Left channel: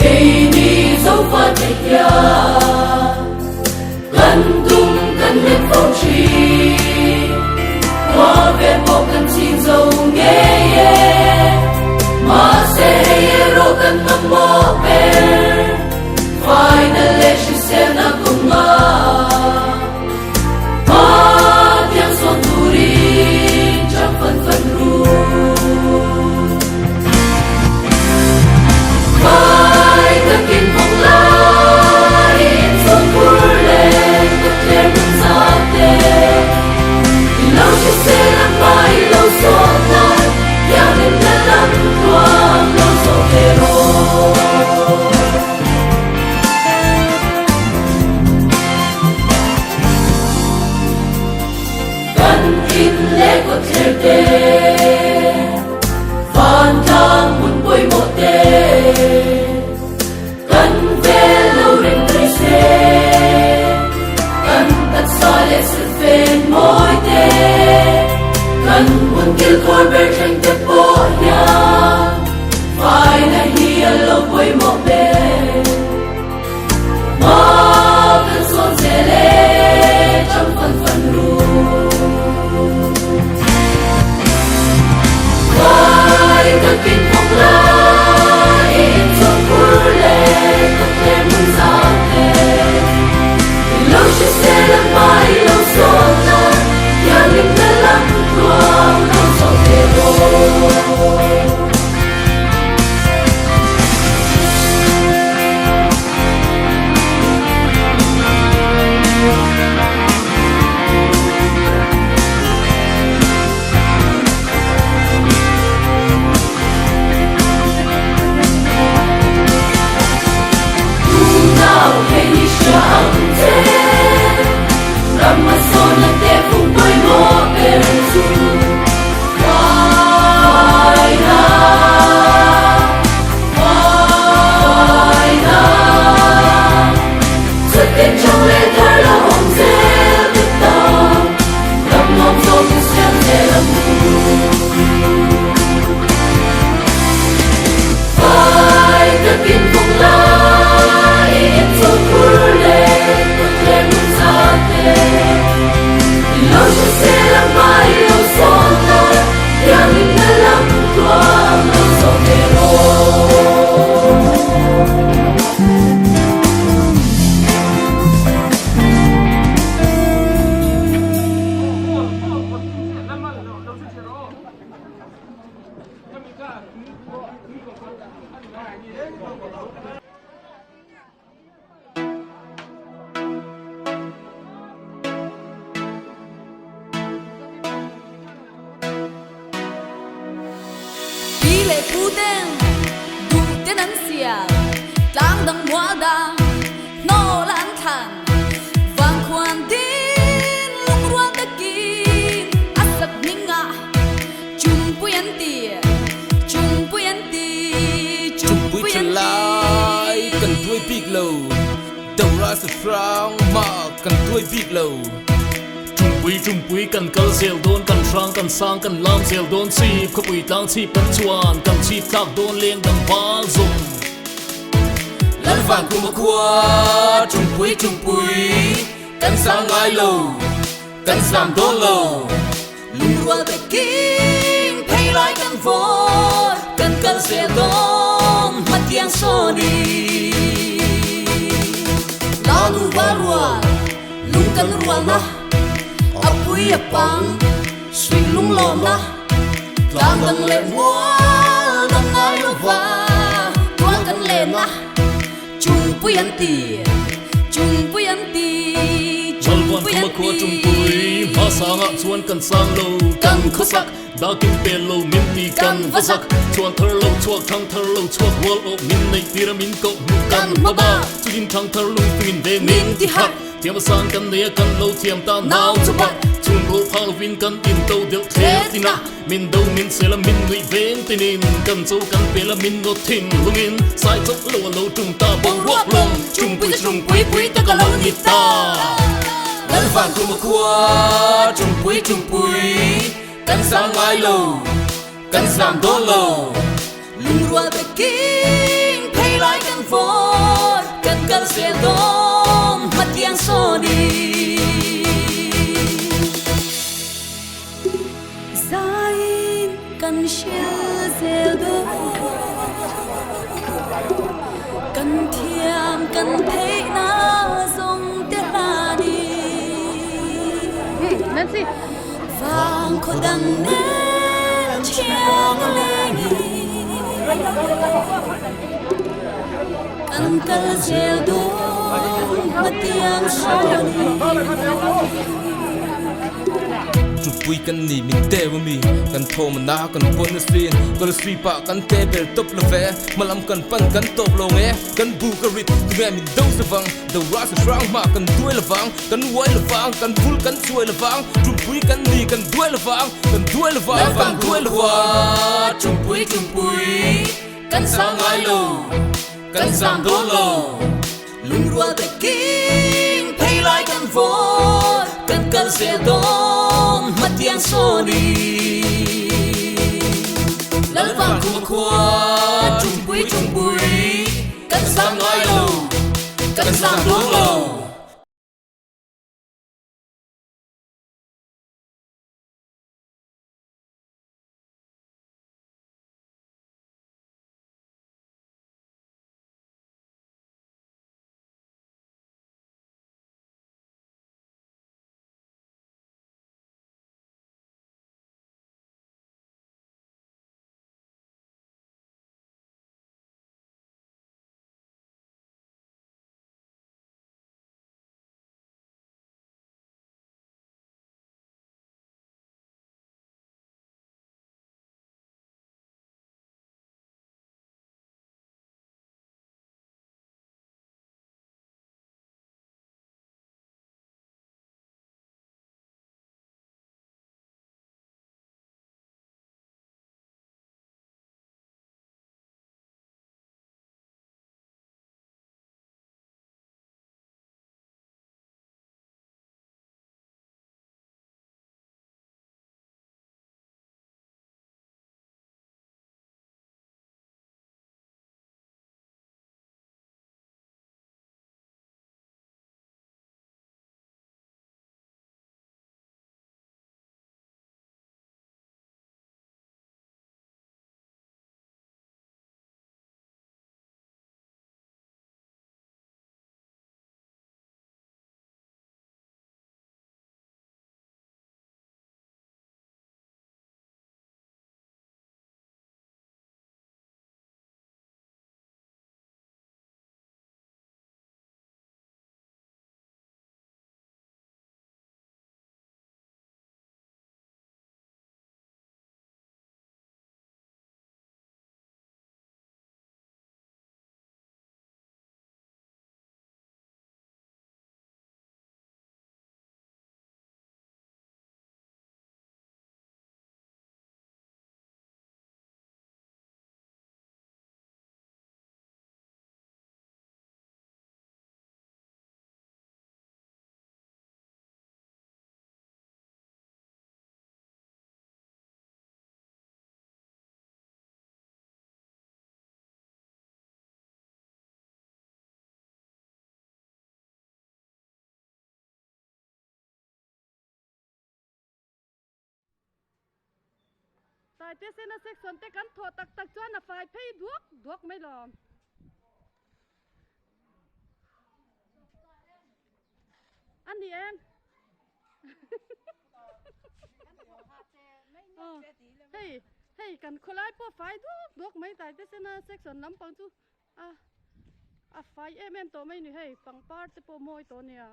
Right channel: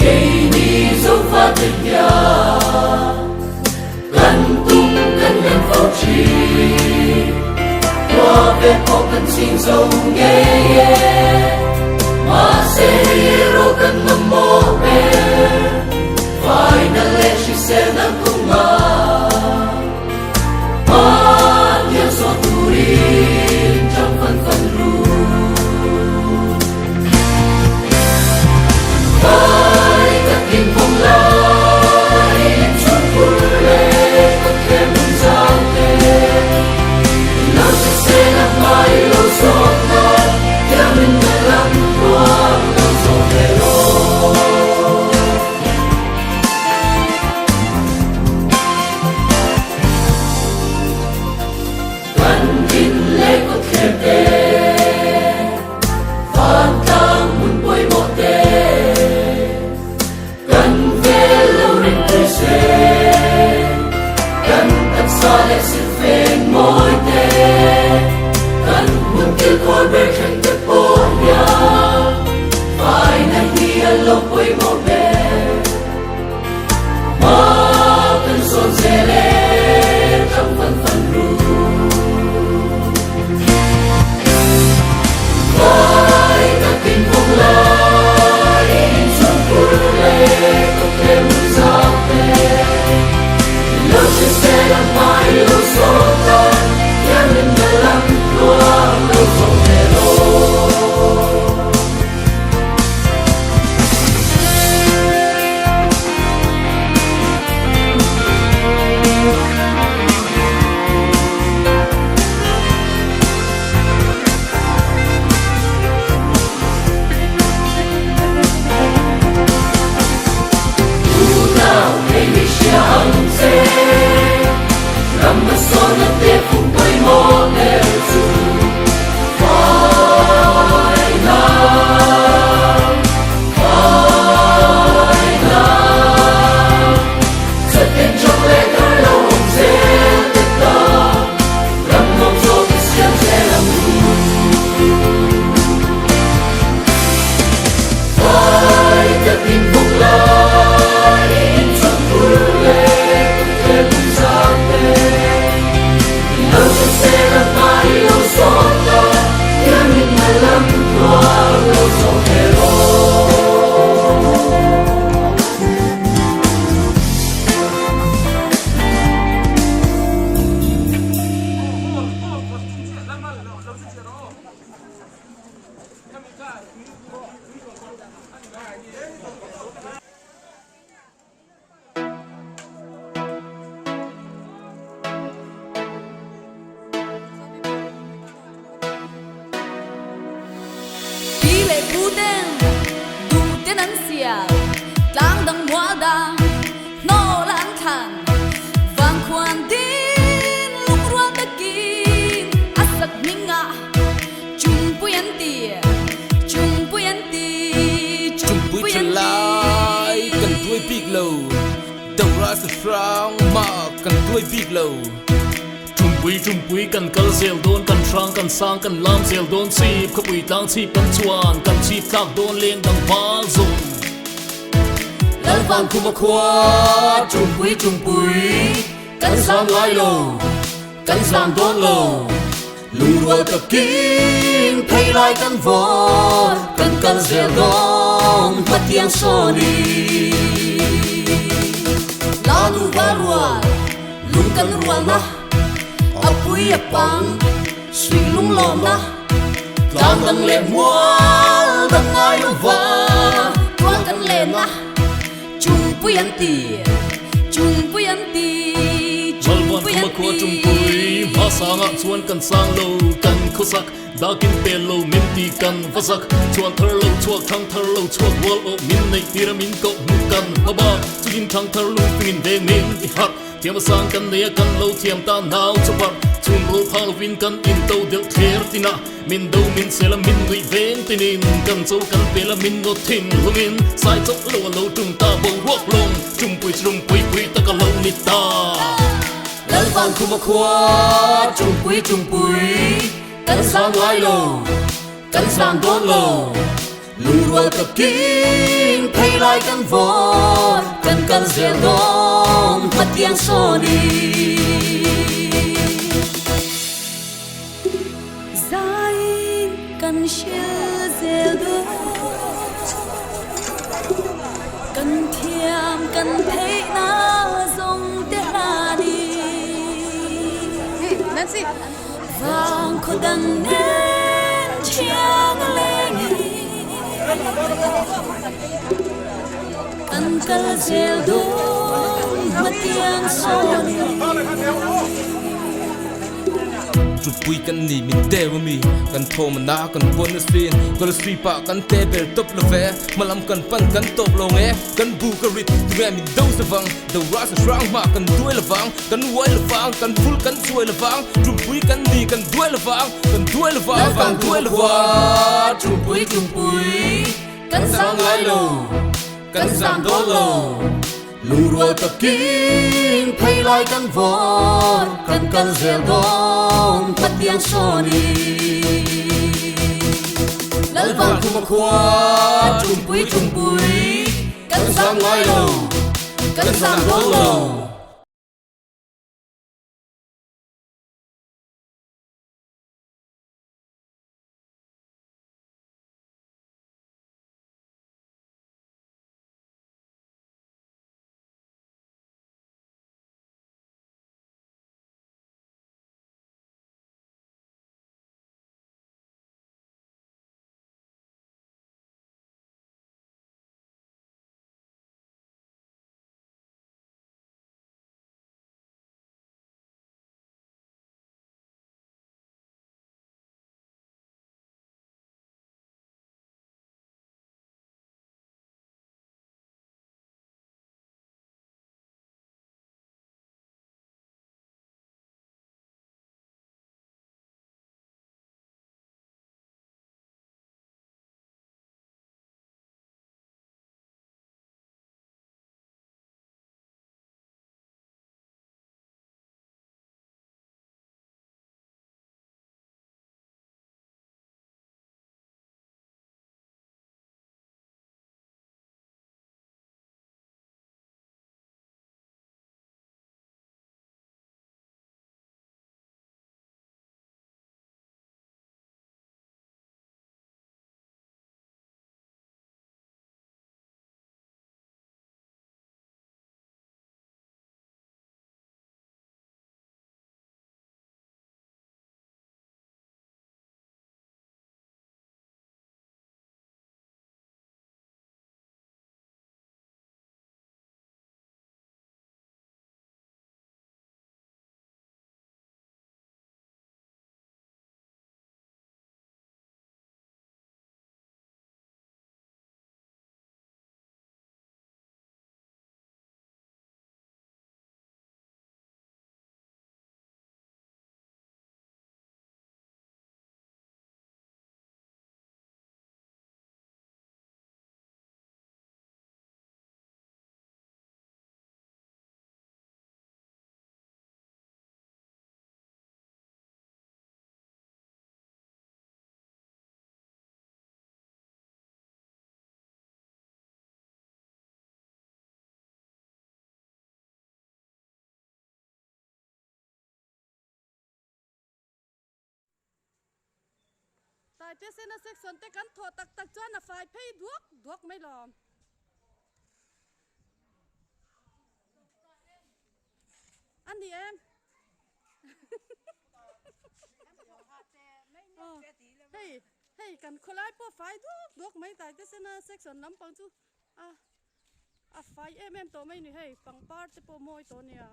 cây ni dấu pha tình ya cần tung cần lên phong trì qua bên bộ cần xin dấu nghe mà sẽ hero cần mầm mồ bè phải nâng lên chỉ sẽ nâng cùng mà yang so turin trong phần phần ru khai các kinh phong lai trong cuối lệ có thêm một sao tệ lâu chỉ sẽ làm mãi lâu gió mai theo nên đã lắm tuang lâu gió thế rồi cần in lệ có thể tê phan thang muốn bôi một tê cần về lâu đến tươi xe cần tắt xa lệ sự phên môi tê cần muốn kêu khói bên tranh tập bố ya phải là hia lâu bôi một bê mà cần son dễ lệ trong phần phần ru khai các kinh phong lai trong cuối lệ có thêm một sao tệ lâu chỉ sẽ làm mãi lâu gió ta theo niềm đã lắm tuang lâu gió thế rồi lang dang mua dang no lan than vang khoan tin lung ruan ta kin asak minga chung puyan ti chung puyan lai cần đuôi big low đầu ra sự frang mà cần đuôi big low chung bui cần cờ zel don cần sang cần sang cần lam zel don sip khắp bụi tang sip cần chuan cần sip thak don lên đằng vang dùng lan vang cùng một khoa chung bui cần sang ai lầu cần sang don lầu lung ruột ta kin thay lại cần vô cần cờ zel don mất tiếng so đi la nu va ruột lung cần ruột na apui apang swing lung lom na lang dang le mua dang ai lo va tuang kan le na chung puyan ti Malwan kuma ko chung pui masanga chuan kan sang lo kan khosak dakin pelo min ti kan vasak chuan thar lo chuak thang thar lo chuak wal o min nei pyramid ko mu kan baba chuin thang thar lu pin de min ti hat tiam sang kan ne kan lo tiam ta naw chupak chun ro phang win kan in to del kher tina min do min sela min nui ven tinin kan zo kan pela min no thin lungin sai chok lo tung ta bong rock long chung pui ta ka lo ni ta lan vang cùng một khoa chung pui cần sang ai lầu cần sang đón lầu lung rua ta king pay lai kan vor kan zel dong mat yang so đi zain kan shil zel dong kan thiam kan thấy na dòng te la đi Nancy vang khô đằng nên chiang lên kan kal zel dong mat yang so đi chụp bụi kan ni min te wa mi kan thom na kan pon sin kan sri pa kan te bel top la ve malam kan pan kan top lo nge kan bu ka rit tu me min do sa vang do ra sa strong ma kan duai la vang kan wai la vang kan bul kan suai la vang chụp bụi kan ni kan duai la vang kan duai la vang kan duai la vang chung pui kan sang lai lo kan sam do lo lung rua ta king pay lai kan vor kan zel dong mat yang so đi lal vang kuma khua chung pui kan sang lai lo kan sam do lo tại thế sẽ là section te kan thọ tak tak chuan a fai phei duak mai lom anh đi em hey kan kholai po fai duak mai tại thế sẽ là section lam pang chu a fai em to mai ni hey pang par te po moi to nia